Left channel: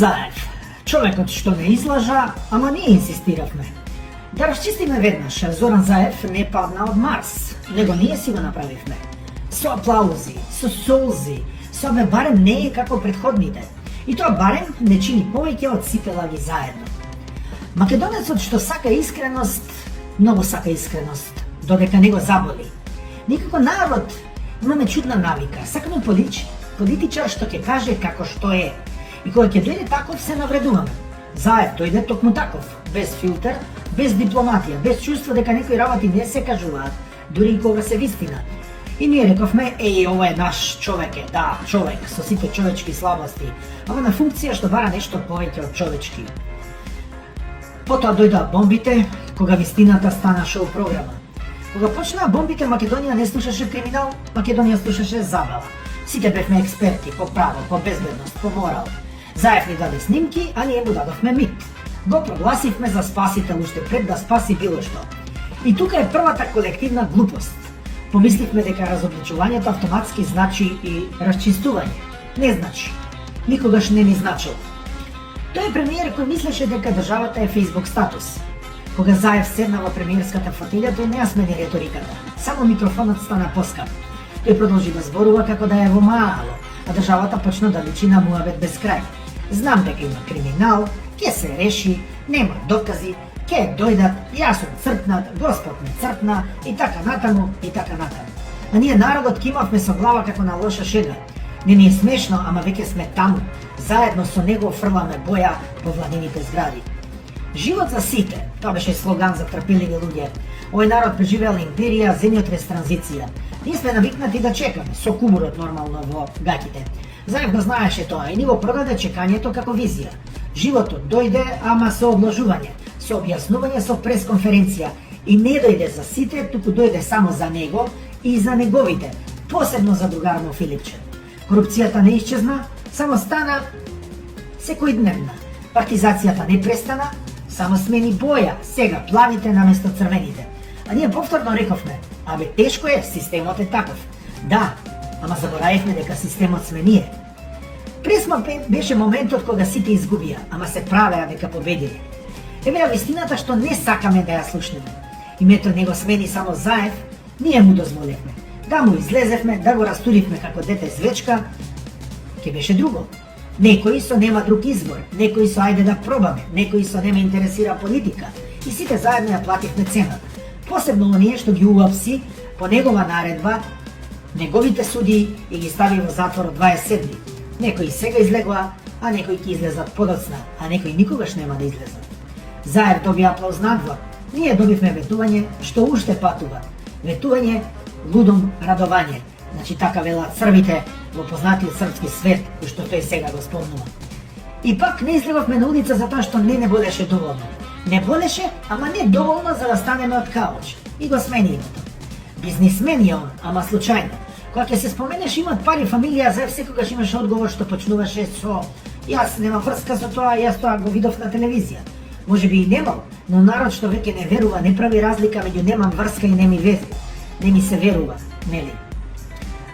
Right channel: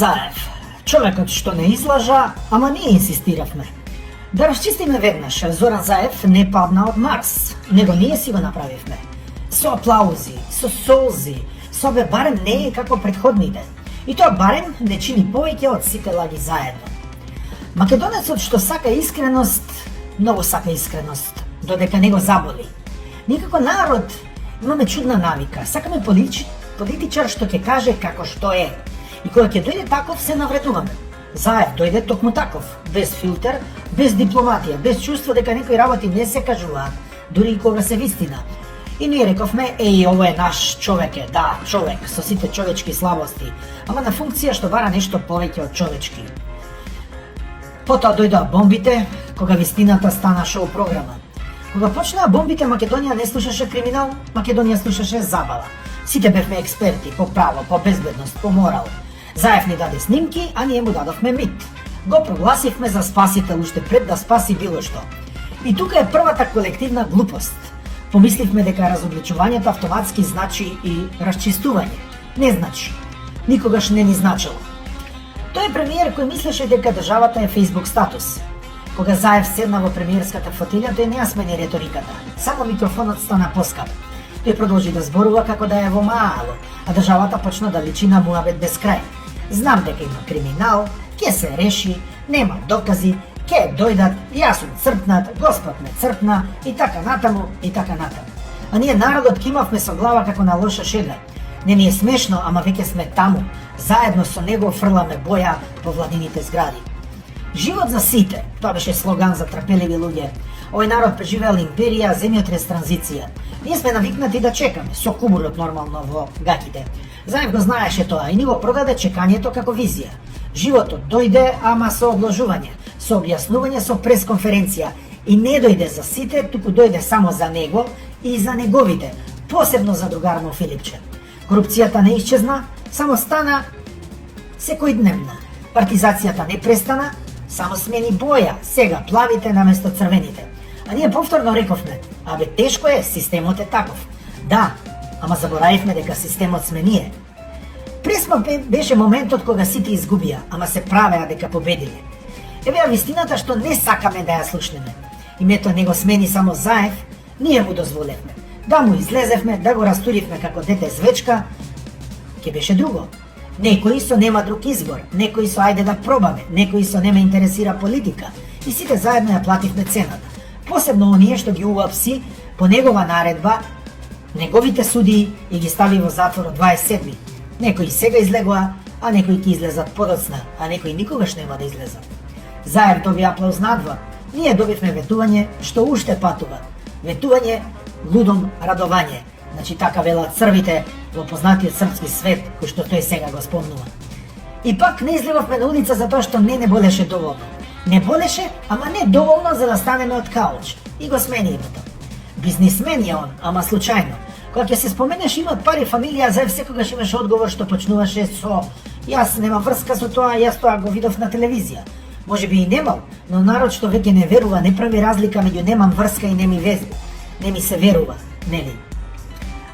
Заев, човекот што не излажа, ама ние инсистиравме. Да расчистиме веднаш, Зоран Заев не падна од Марс, него ние си го направивме. Со аплаузи, со солзи, со бе барем не е како претходните. И тоа барем не чини повеќе од сите лаги заедно. Македонецот што сака искреност, многу сака искреност, додека не го заболи. Ние како народ имаме чудна навика, сакаме политичар што ќе каже како што е. И кога ќе дојде таков се навредуваме. Заев дојде токму таков, без филтер, без дипломатија, без чувство дека некои работи не се кажуваат, дури и кога се вистина. И ние рековме, ова е наш човек е, да, човек, со сите човечки слабости, ама на функција што бара нешто повеќе од човечки. Потоа дојдоа бомбите, кога вистината стана шоу програма. Кога почнаа бомбите, Македонија не слушаше криминал, Македонија слушаше забава. Сите бевме експерти по право, по безбедност, по морал. Заев ни даде снимки, а ние му дадовме мит. Го прогласивме за спасител уште пред да спаси било што. И тука е првата колективна глупост. Помисливме дека разобличувањето автоматски значи и расчистување. Не значи. Никогаш не ни значило. Тој премиер кој мислеше дека државата е Facebook статус. Кога Заев седна во премиерската фотилја, тој не ја смени реториката. Само микрофонот стана поскап. Тој продолжи да зборува како да е во мало, а државата почна да личи на муабет без крај. Знам дека има криминал, ќе се реши, нема докази, ќе дојдат, јас сум црпнат, Господ ме црпна и така натаму, и така натаму. А ние народот кимавме со глава како на лоша шега. Не ни е смешно, ама веќе сме таму. Заедно со него фрламе боја по владините згради. Живот за сите, тоа беше слоган за трпеливи луѓе. Овој народ преживеал империја, земјотрес, транзиција. Ние сме навикнати да чекаме, со кубурот нормално во гаќите. Заев го знаеше тоа и ни го продаде чекањето како визија. Животот дојде, ама со одложување, со објаснување, со пресконференција. И не дојде за сите, туку дојде само за него и за неговите, посебно за другарно Филипче. Корупцијата не исчезна, само стана секојдневна. Партизацијата не престана, само смени боја, сега плавите наместо црвените. А ние повторно рековме, тешко е, системот е таков. Да, ама заборавивме дека системот сме ние. Пресмок беше моментот кога сите изгубија, ама се правеа дека победиле. Еве ја вистината што не сакаме да ја слушнеме. Името него смени само Заев, ние му дозволевме. Да му излезевме, да го растуривме како дете звечка, ќе беше друго. Некои со нема друг избор, некои со ајде да пробаме, некои со не ме интересира политика. И сите заедно ја плативме цената. Посебно оние што ги уапси по негова наредба, неговите судии и ги стави во затвор од 27. Некои сега излегоа, а некои ќе излезат подоцна, а некои никогаш нема да излезат. Заев доби аплауз надвор, ние добивме ветување што уште патува. Ветување, лудом радување. Значи така велат црвите во познатиот српски свет, кој што тој сега го спомнува. И пак не излеговме на улица затоа што не болеше доволно. Не болеше, ама не доволно за да станеме од кауч. И го смени името. Бизнисмен е он, ама случајно. Кога ќе се споменеш имот пари, фамилија, Заев секогаш имаше одговор што почнуваше со јас нема врска со тоа, јас тоа го видов на телевизија. Може би и немал, но народ што веќе не верува, не прави разлика меѓу немам врска и не ми се верува, нели?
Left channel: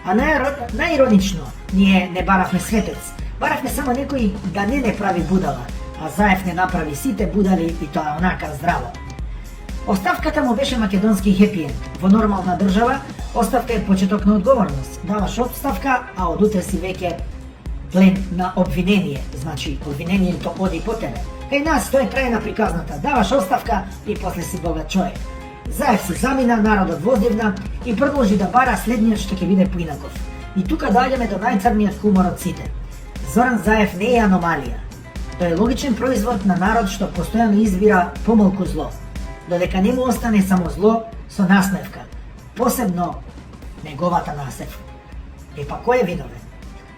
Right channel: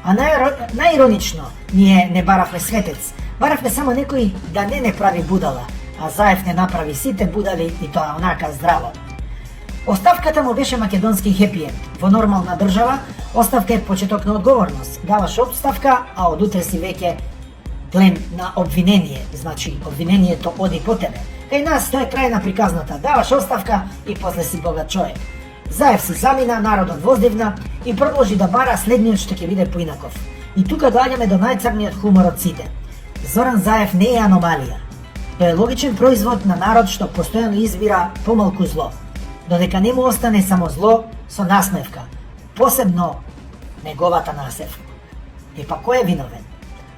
А најиронично, ние не баравме светец, баравме само некој да не прави будала, а Заев не направи сите будали и тоа онака здраво. Оставката му беше македонски хепиенд. Во нормална држава, оставка е почеток на одговорност. Даваш оставка, а од утре си веќе плен на обвинение. Значи, обвинението оди по тебе. Кај нас тоа е крај на приказната. Даваш оставка и после си богат човек. Заев се замина, народот воздивна и продолжи да бара следниот што ќе биде поинаков. И тука доаѓаме до најцрниот хумор од сите. Зоран Заев не е аномалија. Тој е логичен производ на народ што постојано избира помалку зло. Додека не му остане само зло со насмевка. Посебно неговата насмевка. Па кој е виновен?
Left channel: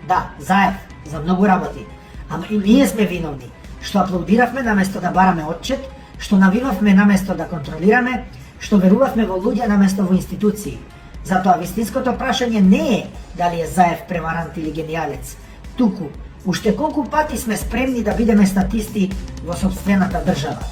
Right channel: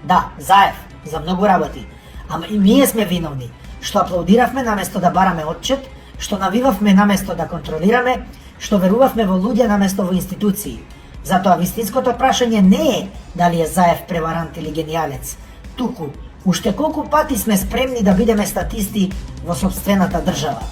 Да, Заев, за многу работи. Ама и ние сме виновни, што аплаудиравме наместо да бараме отчет, што навивавме наместо да контролираме, што верувавме во луѓе наместо во институции. Затоа вистинското прашање не е дали е Заев преварант или генијалец, туку уште колку пати сме спремни да бидеме статисти во сопствената држава.